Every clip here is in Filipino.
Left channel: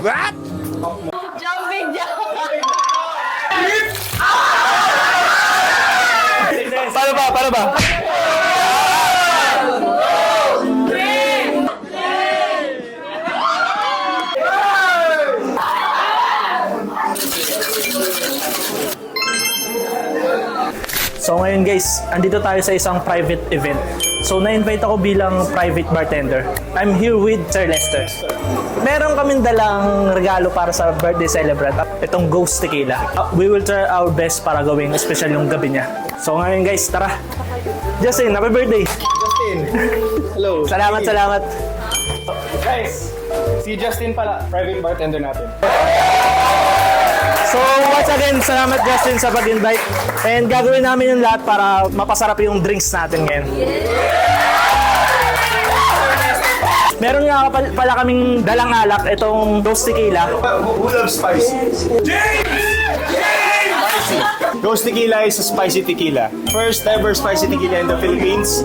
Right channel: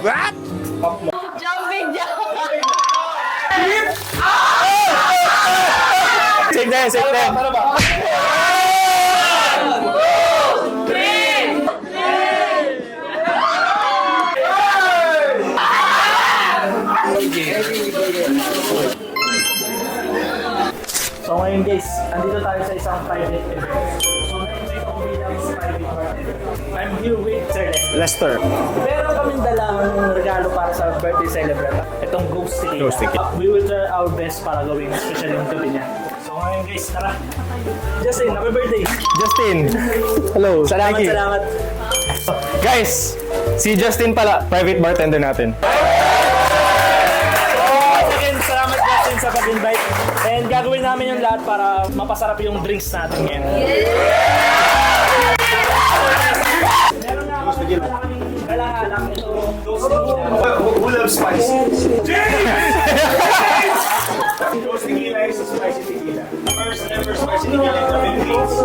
What? Jumping jack! Paano ba? So ngayon guys, andito tayo sa isang private event. So na-invite ako bilang private bartender. I'm here with Sir Lester. Meron kaming dalang regalo para sa birthday celebrant. Itong Ghost Tequila. We will try our best para gawing special yung gabi niya. So ngayon guys, tara. Justin, happy birthday! Justin! Hello! Salamat! Guys, si Justin pala, private bartender natin. So once again, salamat Justin sa pag-invite. And gagawin namin yung lahat para mapasarap yung drinks natin ngayon. Meron nga pala kaming dalang alak, itong Ghost Tequila. Who loves spicy? Ghost Tequila is a spicy tequila. First ever spicy tequila in the Philippines.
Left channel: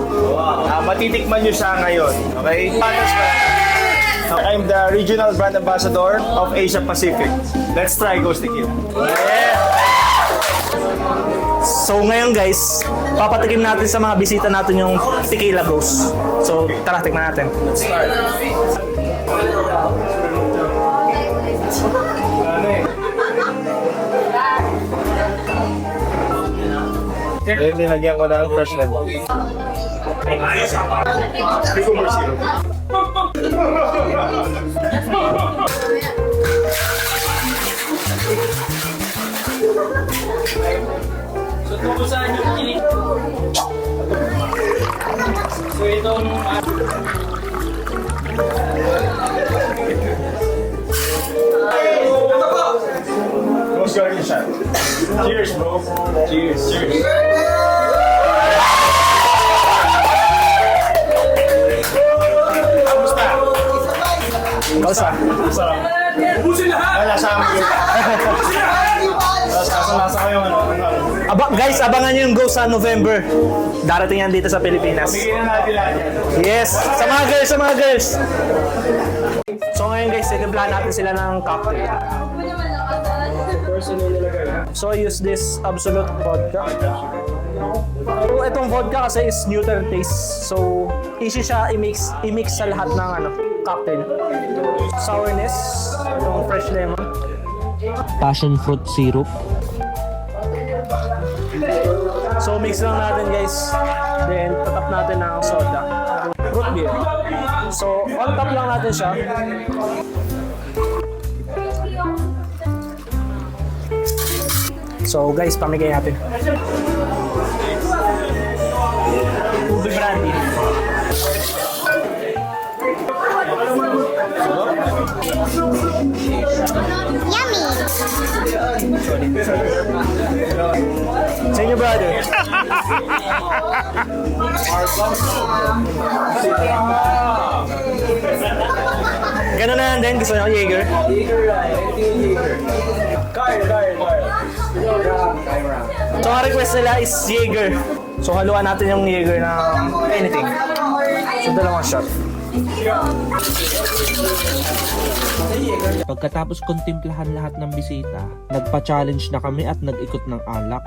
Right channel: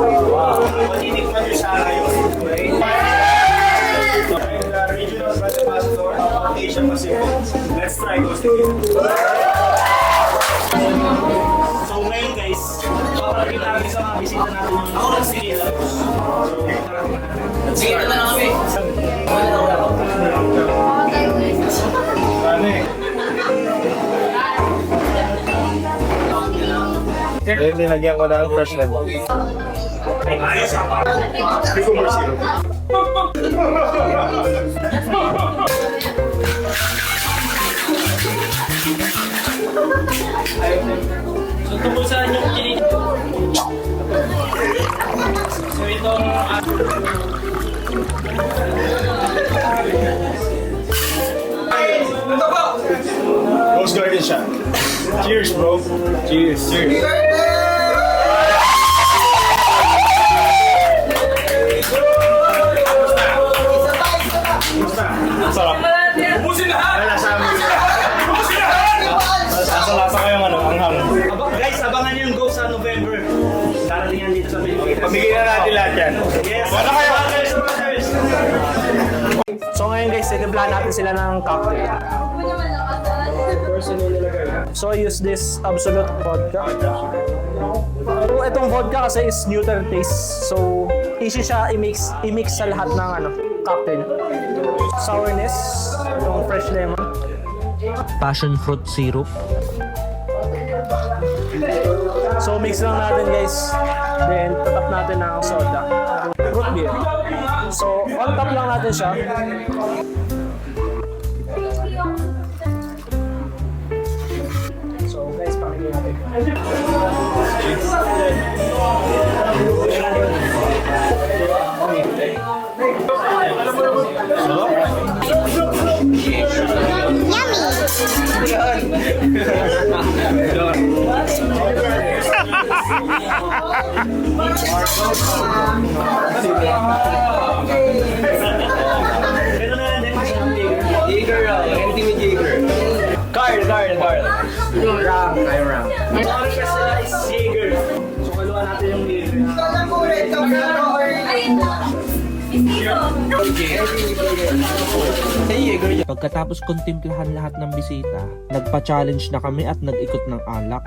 Matitikman nyo siya ngayon. Okay? I'm the regional brand ambassador of Asia Pacific. Let's try Ghost Tequila. So ngayon guys, papatikim natin sa mga bisita natin yung Tequila Ghost. So tara, tikman natin. Let's start. Ano eh? Then nilagyan ko ng fresh lemon. Cucumber syrup. So tumusan yung kini. So itong Rose Garden shot. Cheers, bro. Cheers. Cheers. Basta. Sarap. Lasa mo yun. Lasa ko yung ano, ang guys, abangan nyo yung Ghost sa November. Darating yan dito sa Pilipinas. Bigyan natin lahat yan. Yes! Sa mga girls! So ngayon guys, titimpla natin sila ng cocktail. So I use this Absolute vodka. So itong vodka kasi is neutral taste. So easy siya i-mix sa lahat ng cocktail. Sourness, yung fresh lemon. Passion fruit syrup. So mix lang natin guys. Then tatap natin ng soda. Fruit beer. So on top lang natin siya. So guys, pamigay natin. Ube brandy. Sa inyo, brother. Ganun na lang din. Gusto nyo Jaeger? Anything with Jaeger. Card. Ang mga request nila is Jaeger. So haluan natin yung Jaeger na anything. Dalawang shot. Pagkatapos kontemplahan lahat ng bisita, nagpa-challenge na kami at nag-ikot ng alak.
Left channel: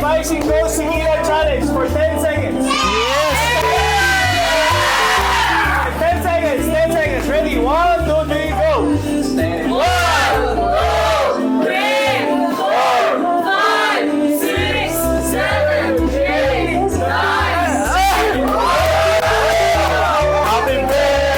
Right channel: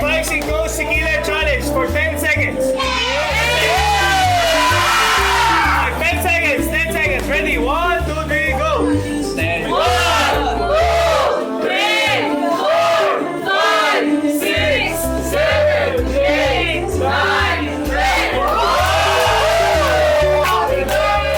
Spicy Ghost Tequila Challenge for 10 seconds. 10 seconds. Ready? 1, 2, 3, go. 1, 2, 3, 4, 5, 6, 7, 8, 9, 10. Happy birthday to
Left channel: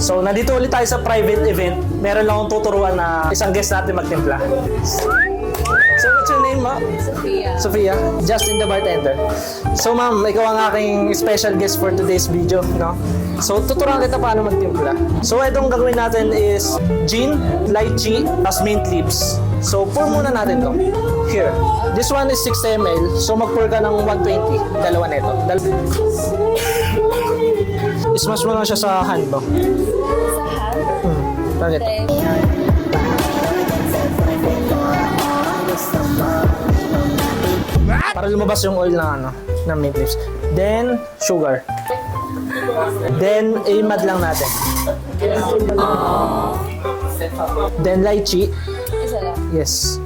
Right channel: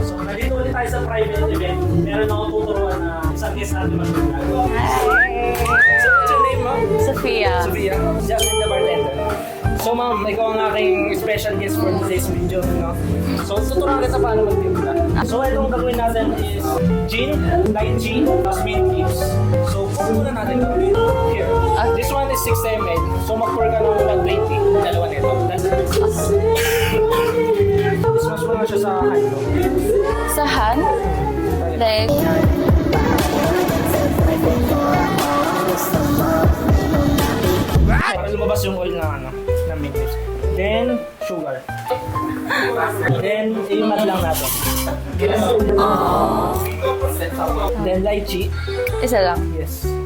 So nandito ulit tayo sa private event. Meron akong tuturuan na isang guest natin magtimpla. So what's your name, ma'am? Sophia. Justin the bartender. So ma'am, ikaw ang aking special guest for today's video, no? So tuturuan kita paano magtimpla. So itong gagawin natin is gin, lychee, plus mint leaves. So pour muna natin to. Here. This one is 60 ml. So mag-pour ka ng 120. Dalawa nito. Smash mo lang siya sa hand mo. Sa hand? Bakit? Para lumabas yung oil na ano, na mint leaves. Then, sugar. Then, i-mat lang natin. Then, lychee. Isa lang. Yes.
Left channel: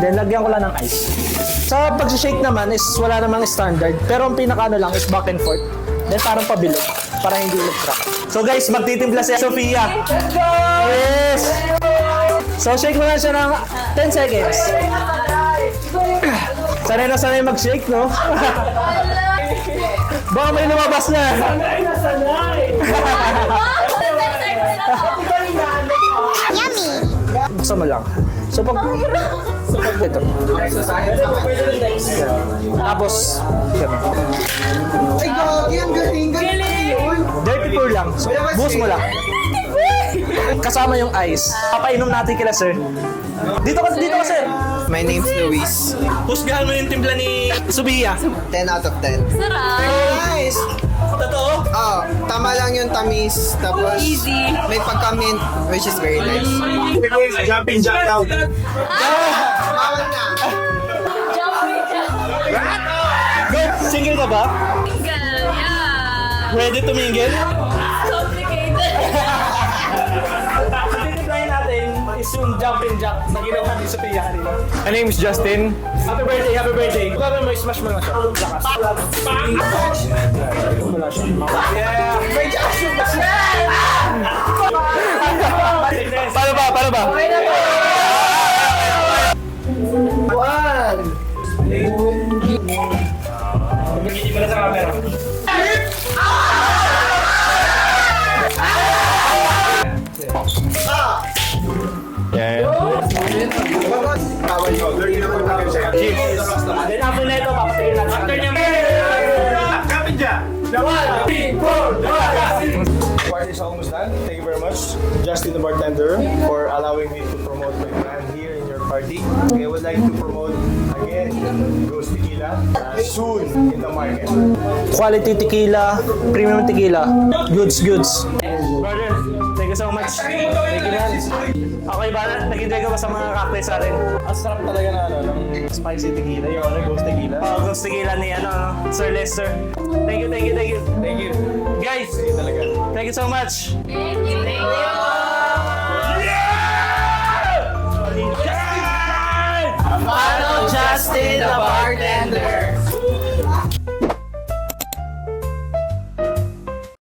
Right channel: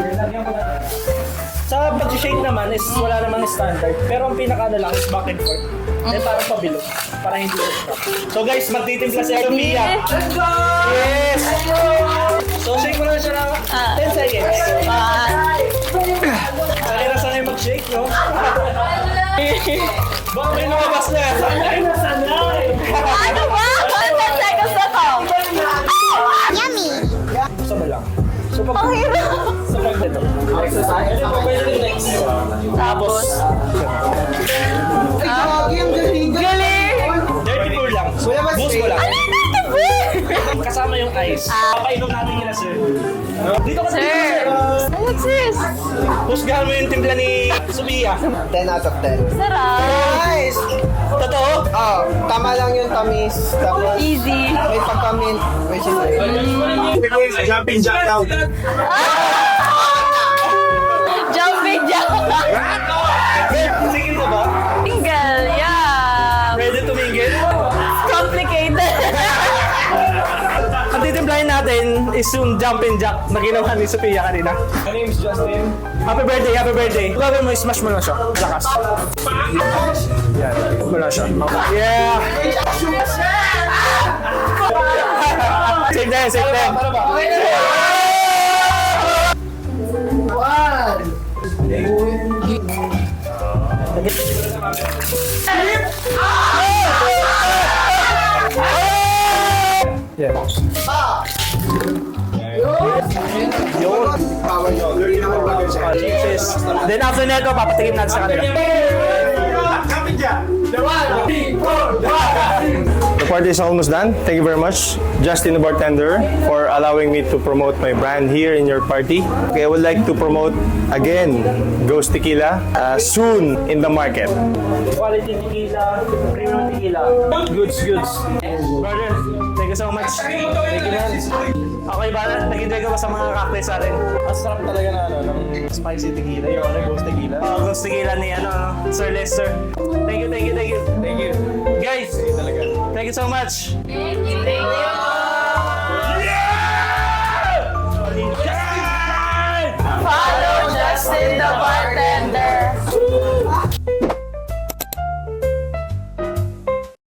Then, lagyan ko lang ng ice. Sa pag-shake naman is wala namang standard. Pero ang pinaka-ano lang is back and forth. Then, parang pabilog. Para hindi mag-trap. So guys, magtitimpla si Sophia. Yes! So, shake mo lang siya ng 10 seconds. Sanay na sanay mag-shake, no? Baka may lumabas na. Ano ba? 10 seconds na to. Gusto mo lang. So, pag... Ito. Tapos... Dirty pour lang. So, buhos mo lang. Kasama yung ice. Papainom natin kila sir. Dito ka, sir. My name is Luis. Husgahan mo yung timpla ni Sophia. 10 out of 10. Sarap. Nice! Totoo? Oh, tama lang yung tamis. Tapos, Easy. may pagka-mint, which is very nice. Jumping jack out. Jumping jack. Single ka ba? Single, yeah. Ready to mingle? Complicated. Ang titimplahin natin is yung jumping jack na ginawa ni Sophia kanina. My name is Justin. Happy birthday, happy birthday. Gagawin mo, smash mo lang siya. Lakas. Wala siya. Yeah! Save na yan, save na yan. Paano ba? Then after neto, papatingin natin sa kanila. The party is almost done. Thank you very much, Justin the bartender, for allowing me to promote my brand here in your party. Okay, I would like to promote again Ghost Tequila soon in the market. Quality tequila, premium tequila. Goods, goods. Brother, thank you so much. Thank you, man. Okay ba? Nag-enjoy ka ba sa mga cocktails natin? Ang sarap talaga na ng spicy tequila, yung Ghost Tequila. Ghost tequila ni Sir Lester. Thank you, thank you, thank you. Thank you. Guys, Talaga. thank you so much. Thank you.